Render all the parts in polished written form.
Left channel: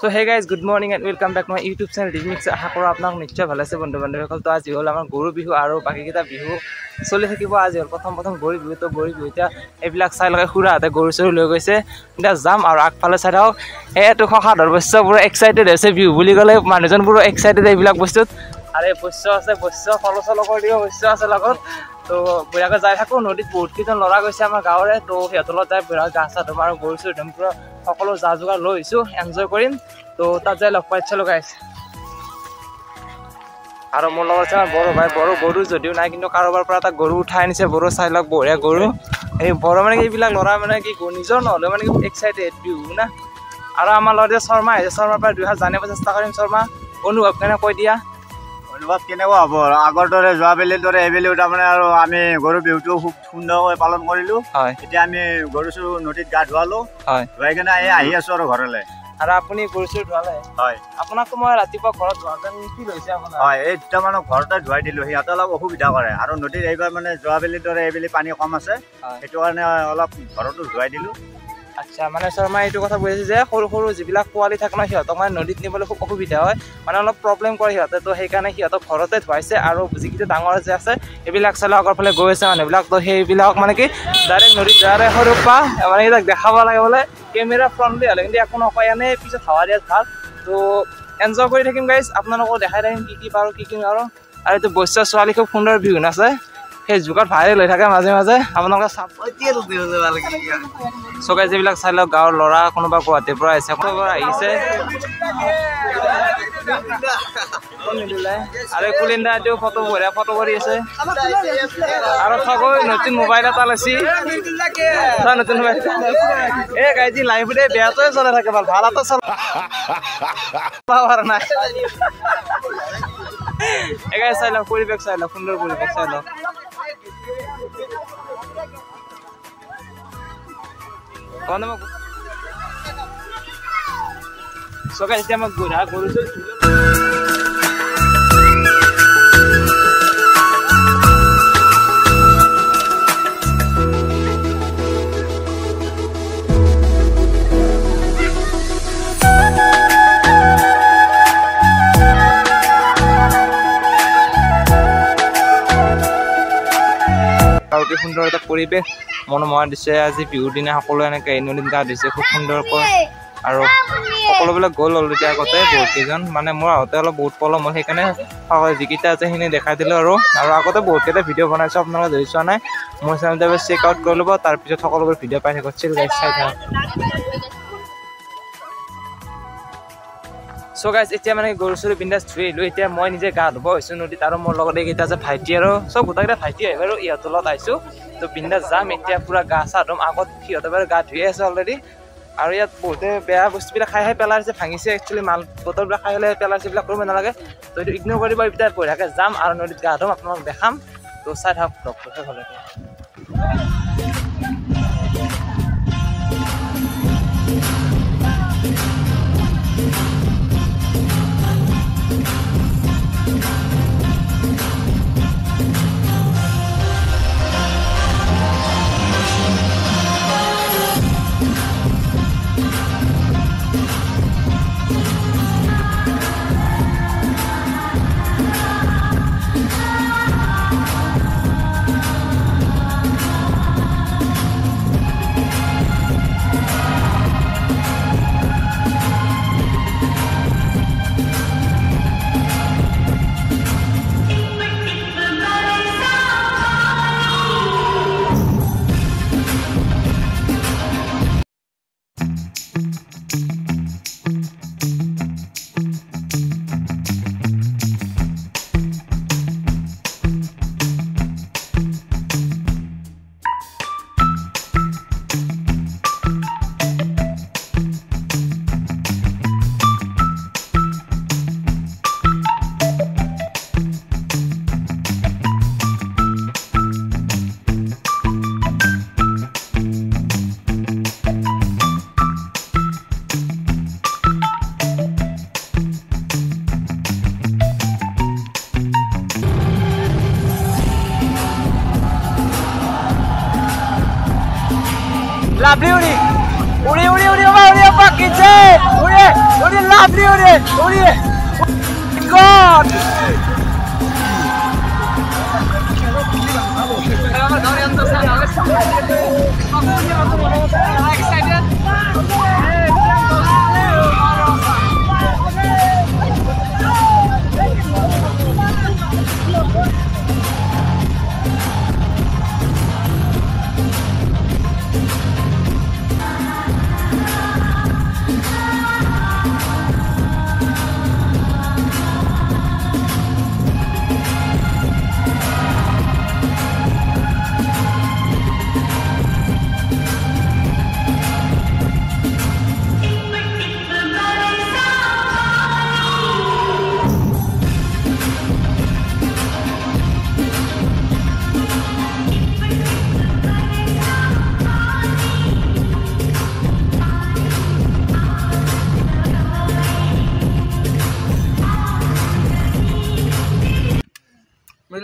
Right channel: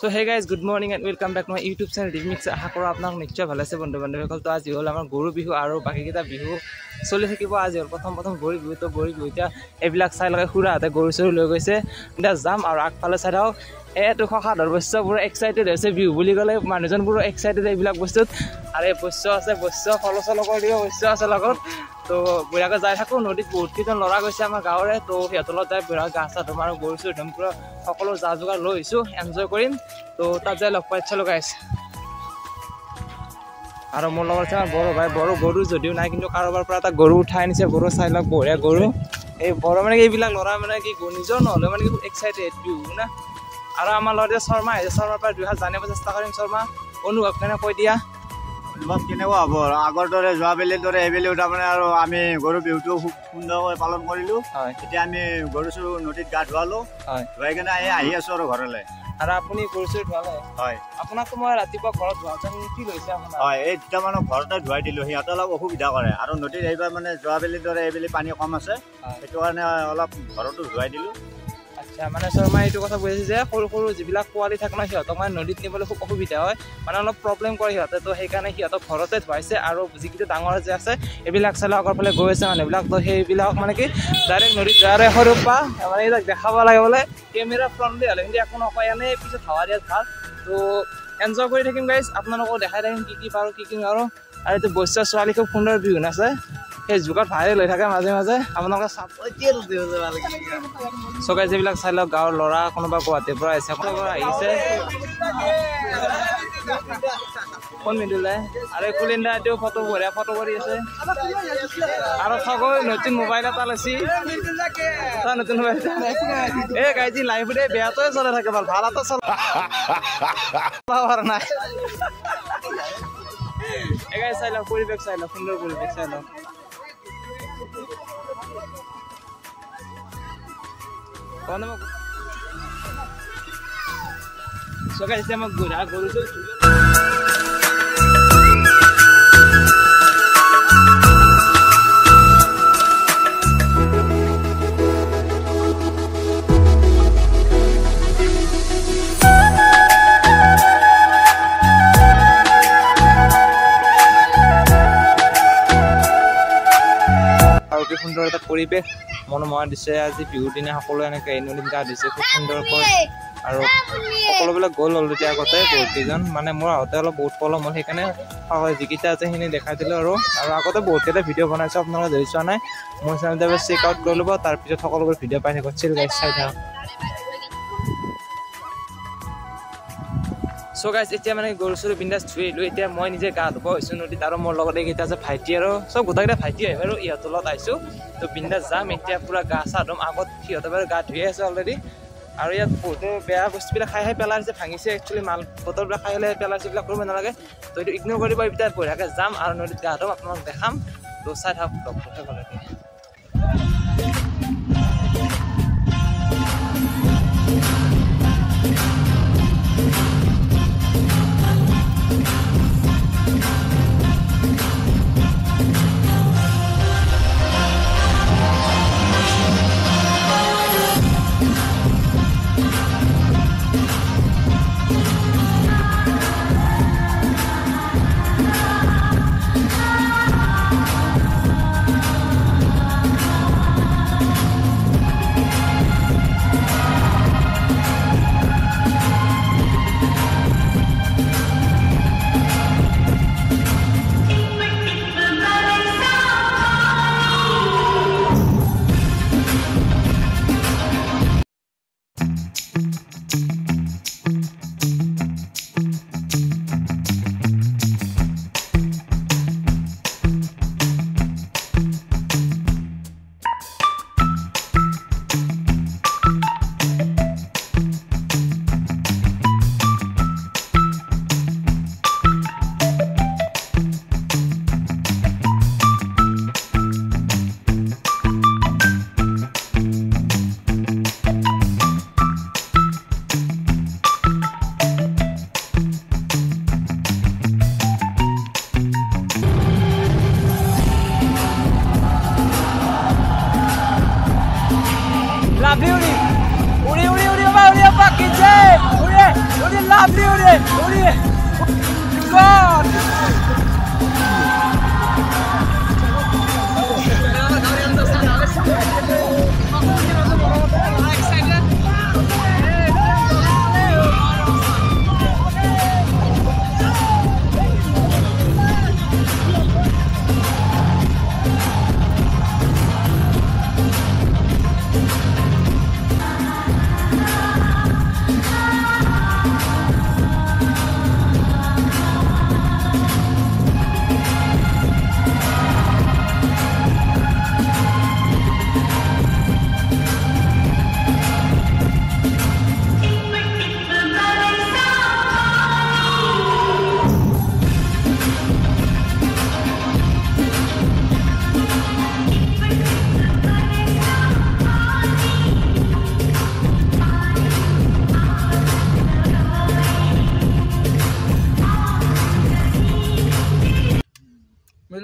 So hey guys, good morning and welcome back to my YouTube channel Digmix. আশা কৰো আপোনাক নিশ্চয় ভালে আছে বন্ধু বান্ধৱীসকল। তো আজি হল আমাৰ গৰু বিহু আৰু বাকি কিটা বিহু চলি থাকিব। আজি হল প্ৰথম গৰু বিহু। তো গৰু বিহু এতিয়া এইবিলাক চাই লগে খুৰাহঁতে গৰু চৰু লৈ গৈছে। এতিয়া যাম আৰু আগফালে চাই থাকক। এইটো সাধাৰ বস্য পুৰা এক্সাইটেড হৈছে বিহু বুলি ক'লে মানুহজন পুৰা এক্সাইটেড এইবিলাক বস্তুত। আৰে বস্য আছে বস্য ফলচল কৰি দিব বস্য আছে লগত। তো বঢ়িয়াকৈ যাই থাকোঁ। নদীত বহুত কেইজন ল'ৰা গৈছে আমাৰ গাঁৱৰে। তো সিহঁতৰ লগত যাই বঢ়িয়া গা চা ধুম আৰু গৰু চৰু ধুম পুৰা সকলো যা যোগাৰ লৈ আহিছোঁ এনজয় কৰিম। তো তাত যাই লগ পাই ইচ্ছা লগা আছে। আৰু মোৰ লগত আছে বড় ভাই। বড় গৰু যদিও নাই কিন্তু কাৰোবাৰ পৰা এটা গৰু উঠাই আনিছে। বড়ো চাই লওক বঢ়িয়া গৰু। এই বড় মানে এইবিলাক ল'ৰা মানে কি নিজৰ নহ'লে মানে কি এক্সাইটেড বিহু না। আৰু আমাৰ লগত শৰ্মা আহিছে। শৰ্মাৰ পৰা 2 হাত জানিব চেষ্টা কৰিম। শৰ্মা অনুভৱ কেনে কৈ দিয়া। অনুভৱ কেনেকুৱা হ'ব? আগৰ দৰে যোৱাবেলিৰ দৰে এইবেলিও তাৰমানে আৰু আমি গৰু বিহুটো খুব সুন্দৰকৈ পালন কৰিলোঁ। হয়, এতিয়া আমি গৰু চৰু নদীত গা ধুৱালোঁ। হয়, ধুৱাই কিনে আহি আছোঁ আৰু ঘৰলৈ। আৰু আপুনি গৰু চৰু ধুৱালে? হয়। আপোনাকতো মই ৰাতিপুৱা ঘৰত ধুৱাওঁতে কি লৈছে আপোনাৰ? হয়, এই দুটামানক ঘৰতে ধুৱাই দিলোঁ। সিহঁতে অলপ অসুবিধা কৰে আৰু নদীত এইবাৰ মানে যোৱাবেলিৰ দৰে এইবেলি পানী কম আছে। সেইটো কাৰণে অলপ ঘৰতো ধুৱাই দিলোঁ। আচ্ছা, মানে শৰ্মা এইটো কথা বুজিছে যে সৰু সৰু যিবিলাক পোৱালি থাকে ন সিহঁতক মানে নদীত নিবলৈ খুব অসুবিধা হয়, মানে অলপ প্ৰব্লেম কৰে সিহঁতে। তো সেইকাৰণে সিহঁতক ঘৰতে ধুৱাইছে। আৰু যিকেইটা ডাঙৰ যে আছে এইবিলাক চালে আগৰ ফালে গৈ আছে মানুহবিলাক। তো সেইবিলাক মানে কি ডাইৰেক্ট নদীত যোৱাৰ সৰু পা মানে এইবিলাক দেখাব লাগে। মানে কেমেৰা ফ্ৰণ্টলি হ'লে কিন্তু একো নকয়, এনেই পিছত হাৱা দিয়াত ভাল। তো এনজয় কৰি থাকিম গাইজ, আপোনালোকক দেখাই থাকিম কি পাৰোঁ কি নোৱাৰোঁ। আৰু এইটো বৈশ্য ছোৱালী খুব সুন্দৰ বিহু নাচে। সেই যুগত ভাইৰেল হৈ থাকে মাজে মাজে। আপোনালোকে চাব চকাই যিবিলাক চাই লওক। গাঁৱৰ ল'ৰা কোনোবা গুৱাহাটীৰ পৰা আহিছে, কোনোবা আহিছে। আৰু কুলিন্দা এইটো ফটো বঢ়িয়া ফটো কৰি আছে। আৰু চাব নতুন মোবাইল এটা লৈছি। নতুন মোবাইল এই গাইজি লাইফতে বেয়াটোৱে চলাই থাকে, ভাল এটা চলা নাই। এগাই চাই লওক পৰিৱেশ চাই লওক, সুন্দৰ পৰিৱেশ চাই লওক। চকাই এতিয়া মই বুঢ়া কৰিছোঁ। সুন্দৰ এটা পৰিৱেশ মনোমোহা দিছে। আজি বিহুৰ দিনা সকলোৱে এনেকৈ নদীত গা ধুইছে খুব সুন্দৰকৈ। আৰু সকলোবিলাক গ'ল অলৰেডি আগতে বহুত কেইজন, মানে মোৰ আহোঁতে অলপ বহুত পলম হ'ল। সেইকাৰণে যিকেইটা আছে সেইখিনি দেখাই দিলোঁ। আৰু আগতে বহুতকেইটা ভিডিঅ' বনাইছোঁ, আপোনালোকে যদি চোৱা নাই মোৰ চেনেলটো চেক আউট কৰি ল'ব। তাৰপিছত সকলোবোৰ ভিডিঅ' পাই থাকিব। চিল গাইজ চাই থাকক। চ' গাইজ এতিয়া মানে গৰু চৰু বিন্দাছ ধুই আহিলোঁ। এতিয়া মই নিজে গা ধুব হৈছোঁ নদীত। আৰু মোৰ লগত এইকেইটা আছে ভাইটি আৰু চব গোটেইকেইটা ভাইটি আহিব আৰু ইহঁতৰ লগত আহিছোঁ। তো বিন্দাছ যাম এতিয়া পুৰা গা চা ধুম। আগত সিহঁতে বাৰু গা ধুয়ে আছে অলৰেডি। আৰু ইয়াত বহুতে বেয়া বস্তুবিলাক খাই পেলাইছে, ভাঙিছে। একচুৱেলি মাল বটলবিলাক খাই পেলাই পেলাইছে, এইবিলাক কৰিব নালাগে। তো এইটো ইগন'ৰ কৰিব। এতিয়া বঢ়িয়াকৈ যাম আৰু নদীত গা ধুম, আপোনালোক দেখাম। তো চাই থাকক ডক্টৰতে হ'লে।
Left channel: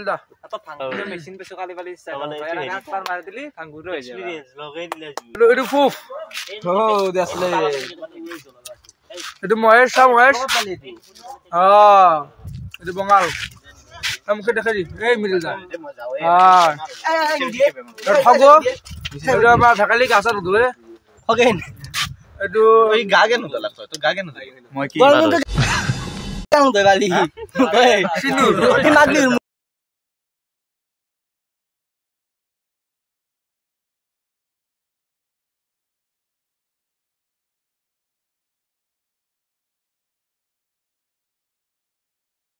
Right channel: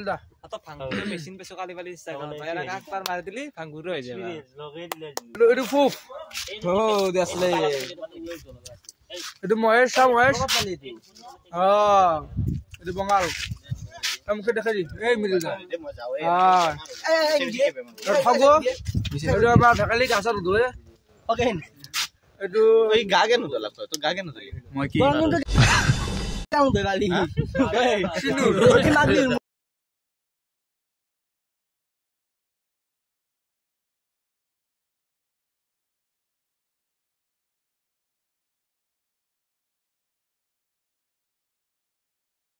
দা তো ভাঙগুৰ মেচিন পেছো কালি বালি ষ্টাইল পাৰ মাৰি দিলি ভাঙগুৰ হৈ যায় লগাই দিলে এইটো ফুফ দেছলে এইটো মহেশ চাও মহেশ এইটো বঙাল আমকে দেখা দি এই মিডিল যা খাব এইটো আমাৰ ঢাকালি গাছত ধুৱে ওকে এইটো এই গাগে নলা তো গাগে নলা মই কি কেন দে বালি কই চিনি কি মাগলি